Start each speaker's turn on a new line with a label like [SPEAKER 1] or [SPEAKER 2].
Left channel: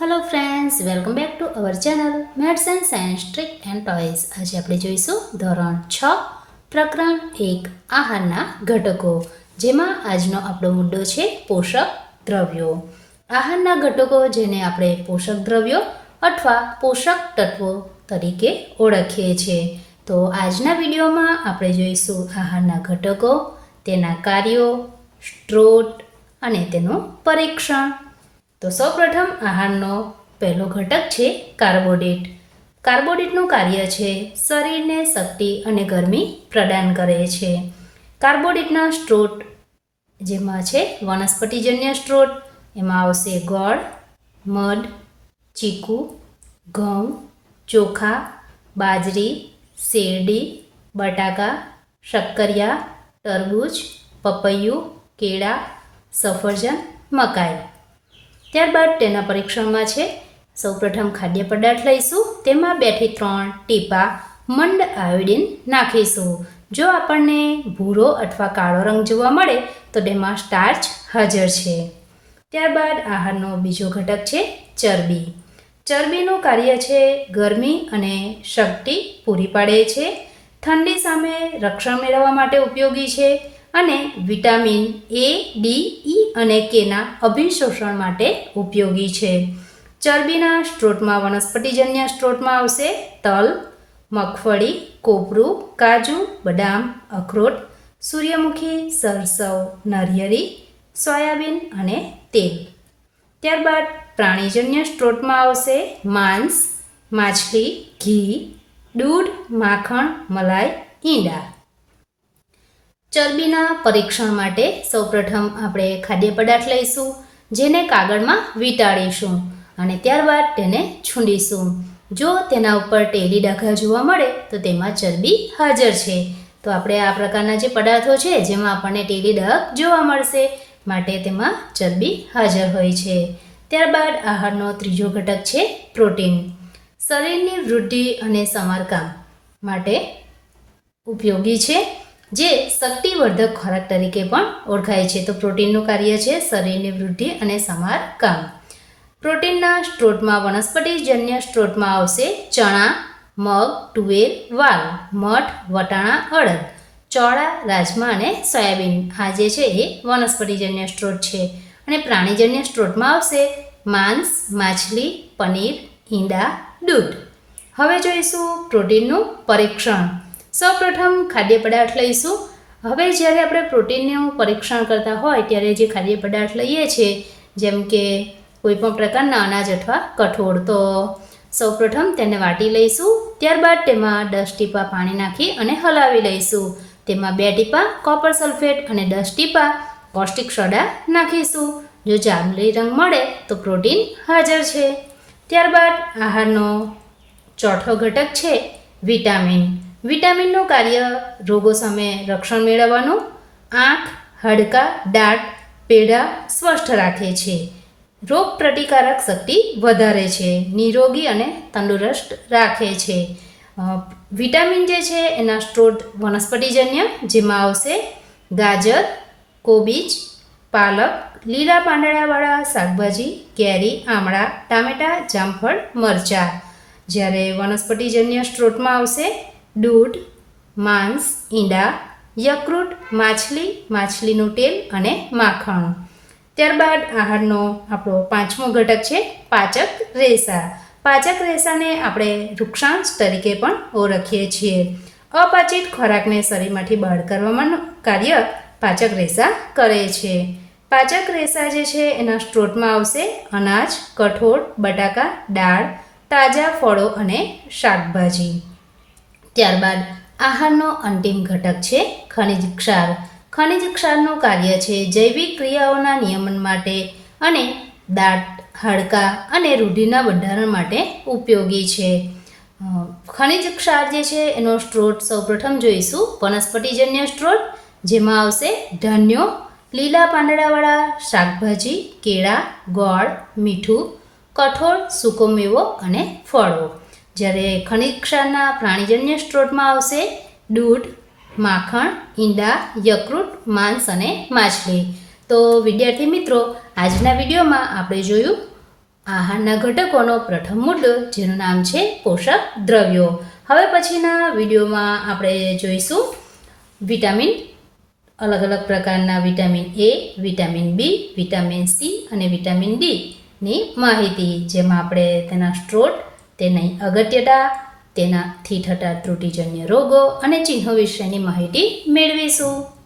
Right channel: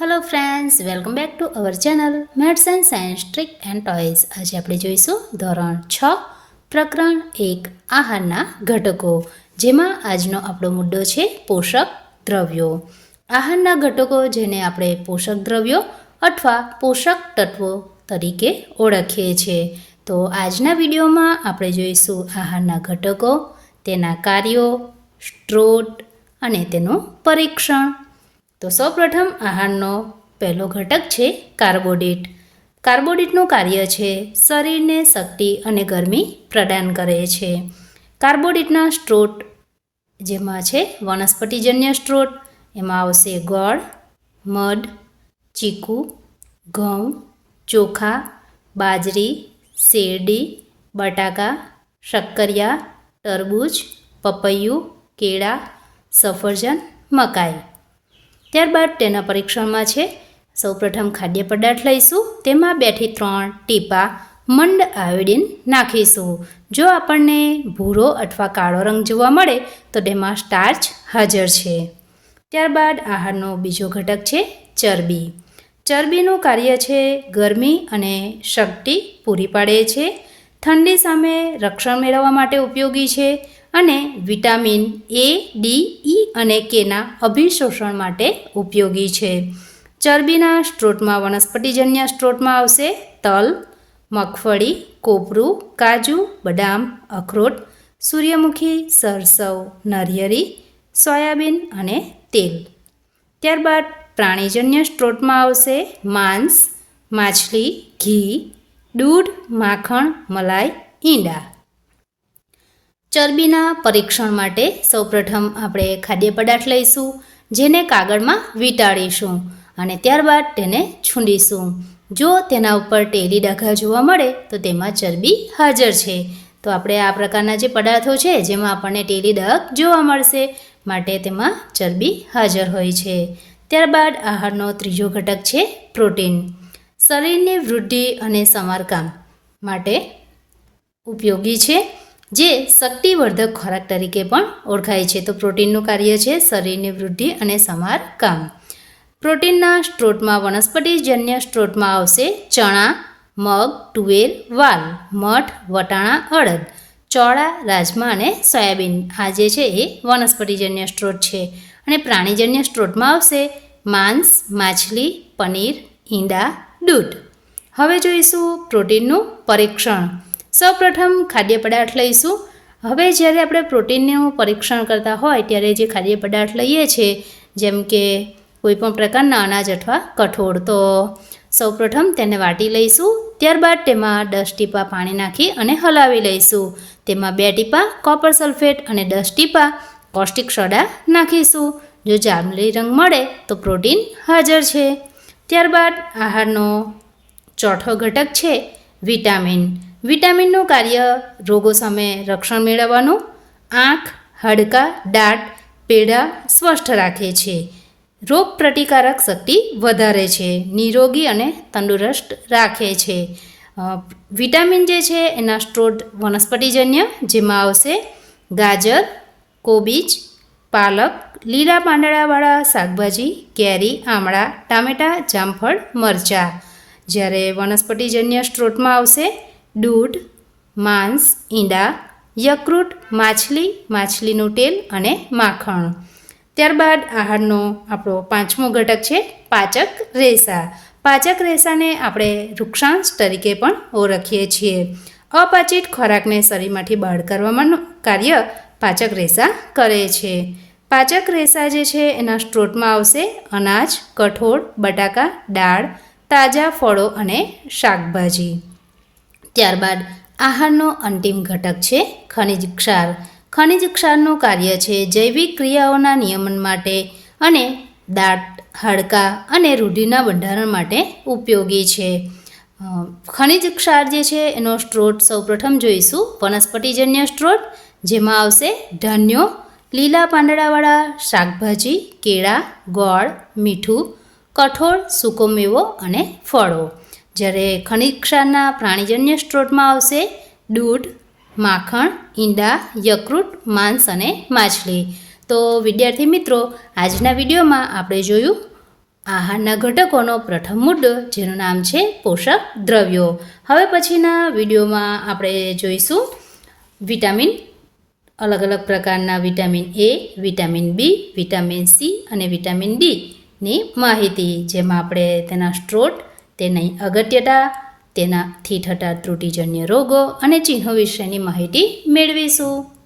[SPEAKER 1] Hello friends welcome back to our channel maths and science trick and toys આજે આપણે જોઈશું ધોરણ છ, પ્રકરણ એક, આહારના ઘટકો, જેમાં આજનો આપણો મુદ્દો છે પોષક દ્રવ્યો. આહારના ઘટકો જેને આપણે પોષક દ્રવ્યો અથવા પોષક તત્વો તરીકે ઓળખીએ છીએ. તો આજના વિડીયોમાં આપણે જોઈશું આહારના ઘટકો, તેના કાર્યો, સ્ત્રોત અને તેનું પરીક્ષણ. તો સૌપ્રથમ આહારનો પહેલો ઘટક છે કાર્બોડિટ. કાર્બોડિટનું કાર્ય છે શરીરને શક્તિ અને ગરમી પ્રદાન કરે છે. કાર્બોડિટના સ્ત્રોત જેમાં છે વનસ્પતિજન્ય સ્ત્રોત, એમાં આવશે ગોળ, મધ, ચીકુ, ઘઉં, ચોખા, બાજરી, શેરડી, બટાકા, શક્કરિયા, તરબૂચ, પપૈયું, કેળા, સફરજન, મકાઈ. ત્યારબાદ તેના પરીક્ષણમાં છે. સૌપ્રથમ ખાદ્ય પદાર્થ લઈશું. તેમાં બેથી ત્રણ ટીપા મંડ આયોડિન નાખીશું. જો આપણને ભૂરો અથવા કાળો રંગ જોવા મળે, તો તેમાં સ્ટાર્ચ હાજર છે. ત્યારબાદ આહારનો બીજો ઘટક છે ચરબી. ચરબીનું કાર્ય છે ગરમી અને શક્તિ પૂરી પાડે છે. ઠંડી સામે રક્ષણ મેળવવા માટે ઉપયોગી છે. અને વિટામિન એ ડી ઈ અને કેના અભિશોષણ માટે ઉપયોગી છે. ચરબીના સ્ત્રોતમાં વનસ્પતિજન્ય સ્ત્રોતમાં આવશે તલ, મગફળી, કોપરું, કાજુ, બદામ, અખરોટ, સૂર્યમુખી, સરસવ નરિયેળી સોયાબીન અને તેલ. ત્યારબાદ પ્રાણીજન્ય સ્ત્રોતમાં આવશે માંસ, માછલી, ઘી, દૂધ, માખણ, મલાઈ, ઈંડા. ચરબીના પરીક્ષણ માટે સૌપ્રથમ આપણે ખાદ્ય પદાર્થ લઈશું, જેને કાગળમાં વીંટાળીશું અને ત્યારબાદ તેને છૂંડીશું જો તેના ઉપર ટેલી ડાઘા જોવા મળે, તો તેમાં ચરબી હાજર છે. તો આપણે આ પ્રકારના જે પદાર્થો છે, જેમાં આપણને ટેલી ડાઘ જોવા મળશે, માટે તેમાં ચરબી હાજર હોય છે. ત્યારબાદ આહારનો ત્રીજો ઘટક છે, પ્રોટીન. શરીરની વૃદ્ધિ અને સમારકામ માટે ઉપયોગી છે. જે શક્તિવર્ધક ખોરાક તરીકે પણ ઓળખાય છે. તો પ્રોટીનનું કાર્ય છે શરીરની વૃદ્ધિ અને સમારકામ. પ્રોટીનના સ્ત્રોતમાં વનસ્પતિજન્ય સ્ત્રોતમાં આવશે ચણા, મગ, તુવેર, વાલ, મઠ, વટાણા, અડદ, ચોળા, રાજમા અને સોયાબીન. આ જે છે એ વનસ્પતિજન્ય સ્ત્રોત છે. અને પ્રાણીજન્ય સ્ત્રોતમાં આવશે માંસ, માછલી, પનીર, ઈંડા, દૂધ. હવે જોઈશું પ્રોટીનનું પરીક્ષણ. સૌપ્રથમ ખાદ્ય પદાર્થ લઈશું. હવે જ્યારે આપણે પ્રોટીનનું પરીક્ષણ કરતા હોય ત્યારે જે ખાદ્ય પદાર્થ લઈએ છીએ, જેમ કે કોઈપણ પ્રકારના અનાજ અથવા કઠોળ, તો સૌપ્રથમ તેને વાટી લઈશું. ત્યારબાદ તેમાં દસ ટીપા પાણી નાખી અને હલાવી લઈશું. તેમાં બે ટીપા કોપર સલ્ફેટ અને દસ ટીપા કોસ્ટિક સોડા નાખીશું. જો જાંબલી રંગ મળે, તો પ્રોટીન હાજર છે. ત્યારબાદ આહારનો ચોથો ઘટક છે વિટામિન. વિટામિનનું કાર્ય રોગો સામે રક્ષણ મેળવવાનું, આંખ, હાડકાં, દાંત, પેડા સ્વસ્થ રાખે છે. રોગ પ્રતિકારક શક્તિ વધારે છે, નિરોગી અને તંદુરસ્ત રાખે છે. વિટામિન જે છે એના સ્ત્રોત વનસ્પતિજન્ય, જેમાં આવશે ગાજર, કોબીજ, પાલક, લીલા પાંદડાવાળા શાકભાજી, કેરી, આમળા, ટામેટાં, જામફળ, મરચાં. જ્યારે વનસ્પતિજન્ય સ્ત્રોતમાં આવશે દૂધ, માંસ, ઈંડા, યકૃત, માછલી, માછલીનું તેલ અને માખણ. ત્યારબાદ આહારનો આપણો પાંચમો ઘટક છે પાચક રેસા. પાચક રેસાને આપણે વૃક્ષાંશ તરીકે પણ ઓળખીએ છીએ. અપાચિત ખોરાકને શરીરમાંથી બહાર કરવામાં કાર્ય પાચક રેસા કરે છે. પાચક રેસા જે છે એના સ્ત્રોતમાં આવશે અનાજ, કઠોળ, બટાકા, દાળ, તાજા ફળો અને શાકભાજી. ત્યારબાદ આહારનો અંતિમ ઘટક છે ખનિજ ક્ષાર. ખનિજ ક્ષારનું કાર્ય છે જૈવિક ક્રિયાઓના નિયમન માટે અને દાંત, હાડકાં અને રૂઢિના બંધારણ માટે ઉપયોગી છે. ખનિજ ક્ષાર જે છે એનો સ્ત્રોત સૌપ્રથમ જોઈશું. વનસ્પતિજન્ય સ્ત્રોત, જેમાં આવશે ધાન્યો, લીલા પાંદડાવાળા શાકભાજી, કેળા, ગોળ, મીઠું, કઠોળ સૂકો મેવો અને ફળો. જ્યારે ખનિજ ક્ષારના પ્રાણીજન્ય સ્ત્રોતમાં આવશે દૂધ, માખણ, ઈંડા, યકૃત, માંસ અને માછલી. તો વિદ્યાર્થી મિત્રો, આજના વિડીયોમાં આપણે જોયું આહારના ઘટકોનો પ્રથમ મુદ્દો, જેનું નામ છે પોષક દ્રવ્યો. હવે પછીના વિડીયોમાં આપણે જોઈશું વિટામિન, અલગ અલગ પ્રકારના vitamin A, vitamin B, vitamin C અને વિટામિન ડીની માહિતી, જેમાં આપણે તેના સ્ત્રોત તેની અગત્યતા તેનાથી થતા ત્રુટિજન્ય રોગો અને ચિહ્નો વિશેની માહિતી મેળવીશું.